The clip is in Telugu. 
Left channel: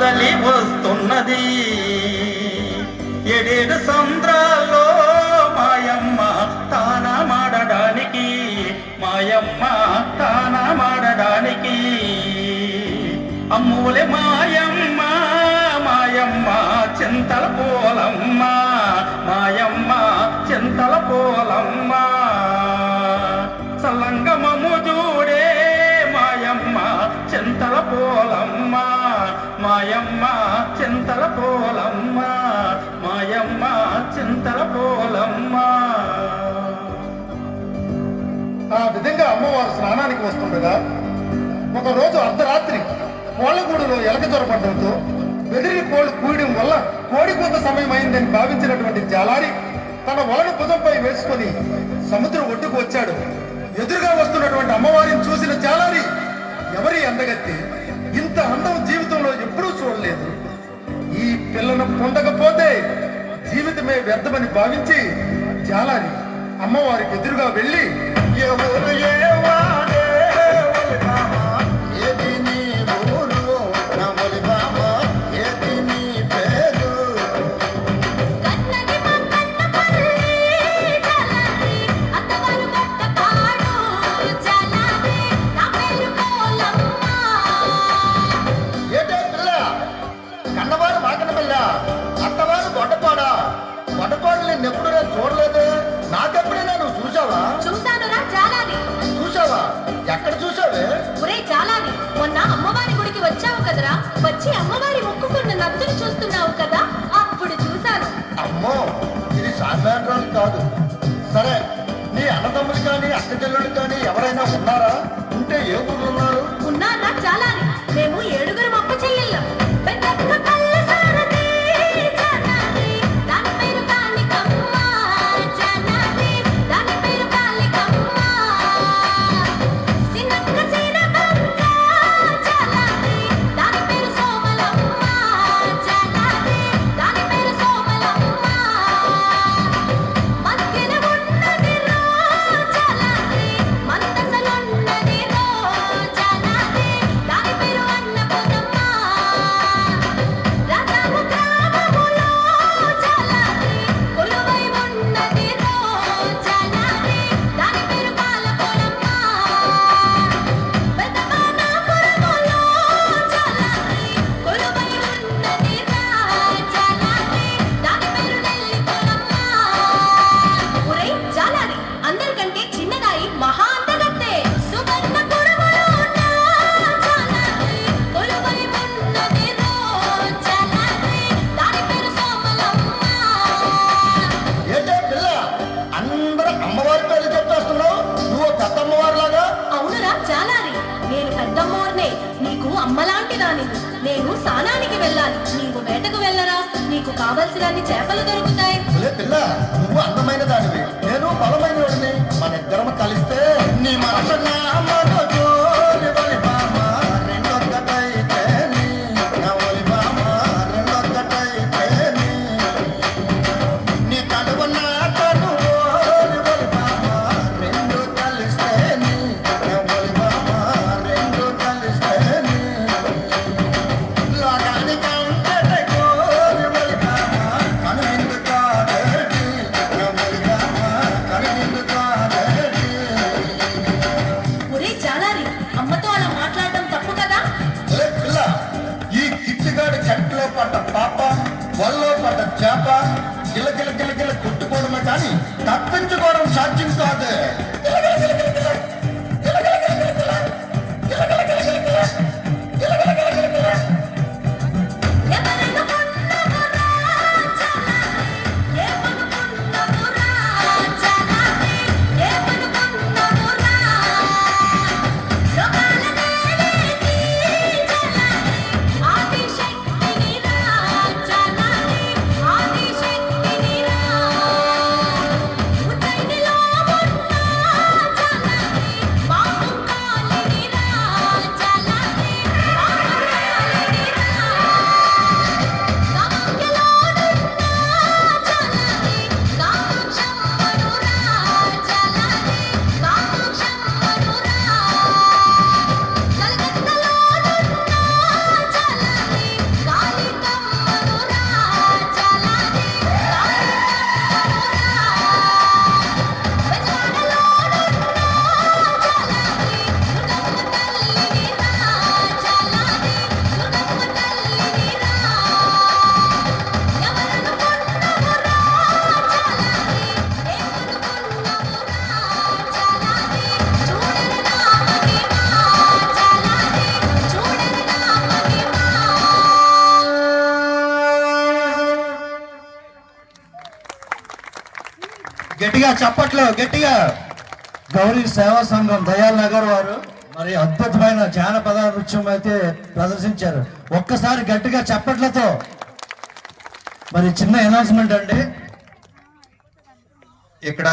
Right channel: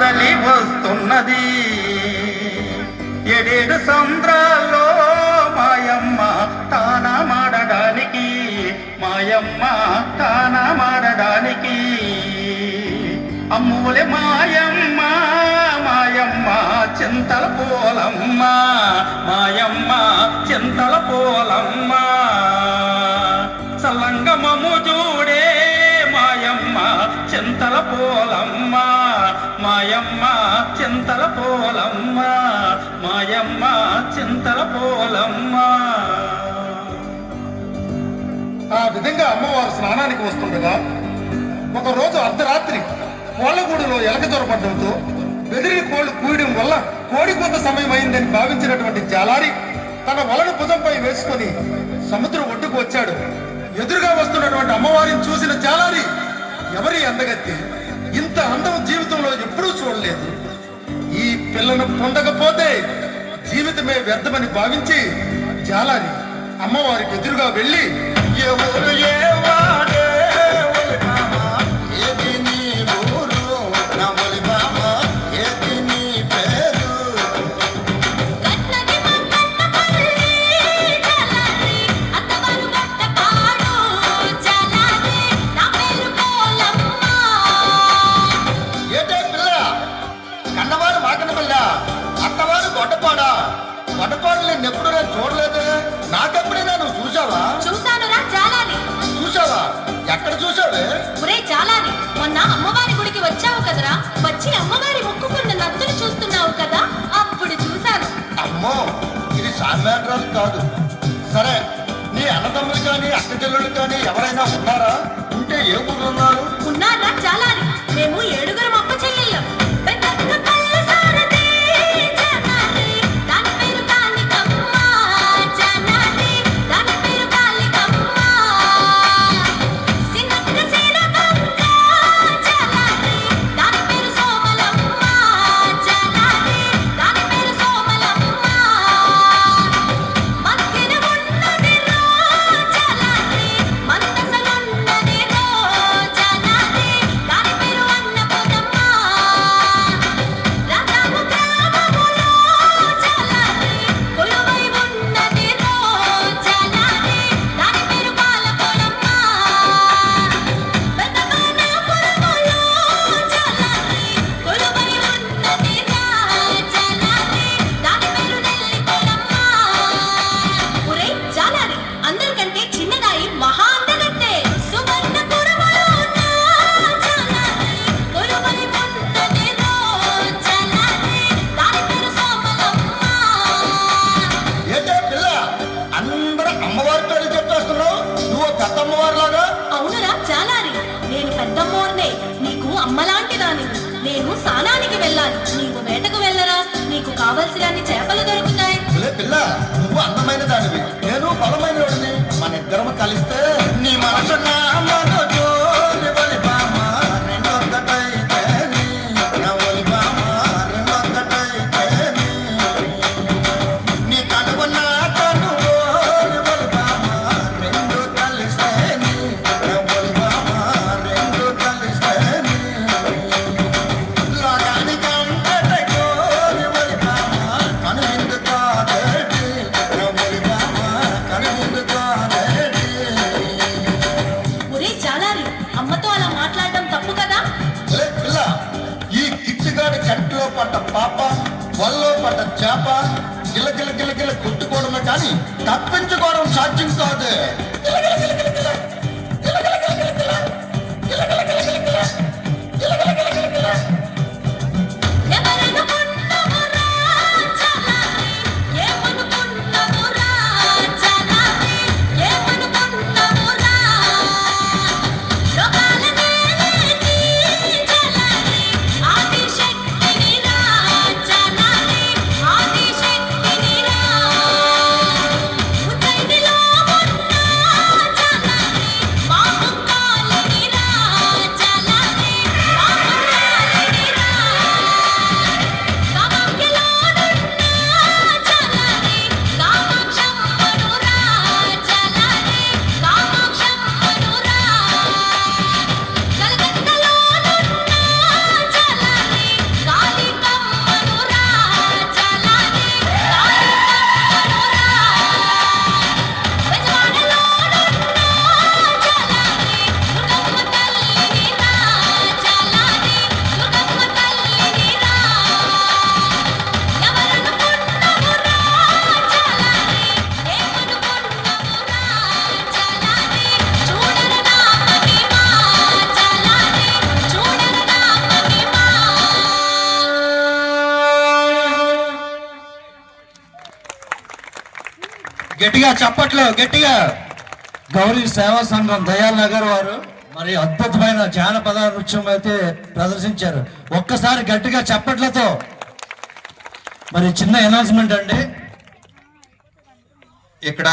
కదలి వస్తున్నది. ఏడేడు సంద్రాల్లో మాయమ్మ తానమాడడానికి, మాయమ్మ తానమాడడానికి. అమ్మూలే మాయమ్మ మాయమ్మ చింతల పోలమ్మ, మాయమ్మ చింతల పోలమ్మ. సల్లంగమము చూడే మాయమ్మ చింతల పోలమ్మ, మాయమ్మ చింతల పోలమ్మ, మాయమ్మ చింతల పోలమ్మ. ఆ విధంగా అమ్మవారు స్నానానికి వస్తుండగా ఒకరోజు అర్ధరాత్రి కోళ్ళగూడులో ఎలక జ్వరపడడంతో బెదిరిని కోళ్లు కూయడం వల్ల కోడి కొంత సమయం అయిందని భావించినటువంటి జాలారి తన వలను భుజంపై వేసుకొని సముద్రం ఒడ్డుకు వచ్చాడు. ఎదురుగా వస్తున్నటువంటి అమ్మవారిని చూసిన జాలారి, ఎవరి అందగత్తి, ఇంత అందం జీవితంలో ఎప్పుడూ చూడలేదు, ఈ పిల్లను పొందకపోతే జీవితమే వ్యర్థమని భావించి జాలారి అమ్మవారికి ఎదురుగా వెళ్ళి, ఎవరు ఏవాడే ఎప్పుడు నేను చూడలేదు, నాకెప్పుడైనా నువ్వు చూసావా? చూశానురా జాలాని. చూసావా? ఎక్కడ చూసావే? ఒరే జాలాని, మొన్న అమ్మవారి గుడికి వచ్చావు కదరా, వచ్చి అమ్మవారి మొక్కుకున్న నత్తులు చూస్తున్నావు కదా, అప్పుడు చూశాను. అమ్మో, ఇది సామాన్యం కాదు. సరే, నీ అన్నదమ్ములు కానీ అక్క చెల్లెళ్ళు కానీ ఎవరైనా ఉన్నారా? ఉంటే ఏ ఊరు ఉన్నారు? ఉన్నారా జాలాని, మేము 7 అక్క చెల్లెళ్ళం. అమ్మలాంటి దాని, నేను స్నానానికి వెళ్ళాలి, నీవు వేటకు వెళ్ళరా, నీకు కావలసినన్ని చేపలు దొరుకుతాయి. పిల్ల, నువ్వు అందమైన దానివి, నేను బలమైన వాడిని, మన ఇద్దరం కలిస్తే నీ మనసు వల్లో పడ్డ చేప గిలగిల గిలగిల కొట్టుకోవడమే కానీ తప్పించుకోవడం సాధ్యం కాదు. గట్టిగా చప్పట్లు గట్టిగా. గౌరీ సేవా సంఘం దయాల్ నగర్ వారు మరి అద్భుతమైన జానపద నృత్యం అయితే ప్రదర్శించారు. ఒక్కసారి గట్టిగా చప్పట్లతో. మరి చిన్న అనౌన్స్మెంట్ అండి, ఇక్కడ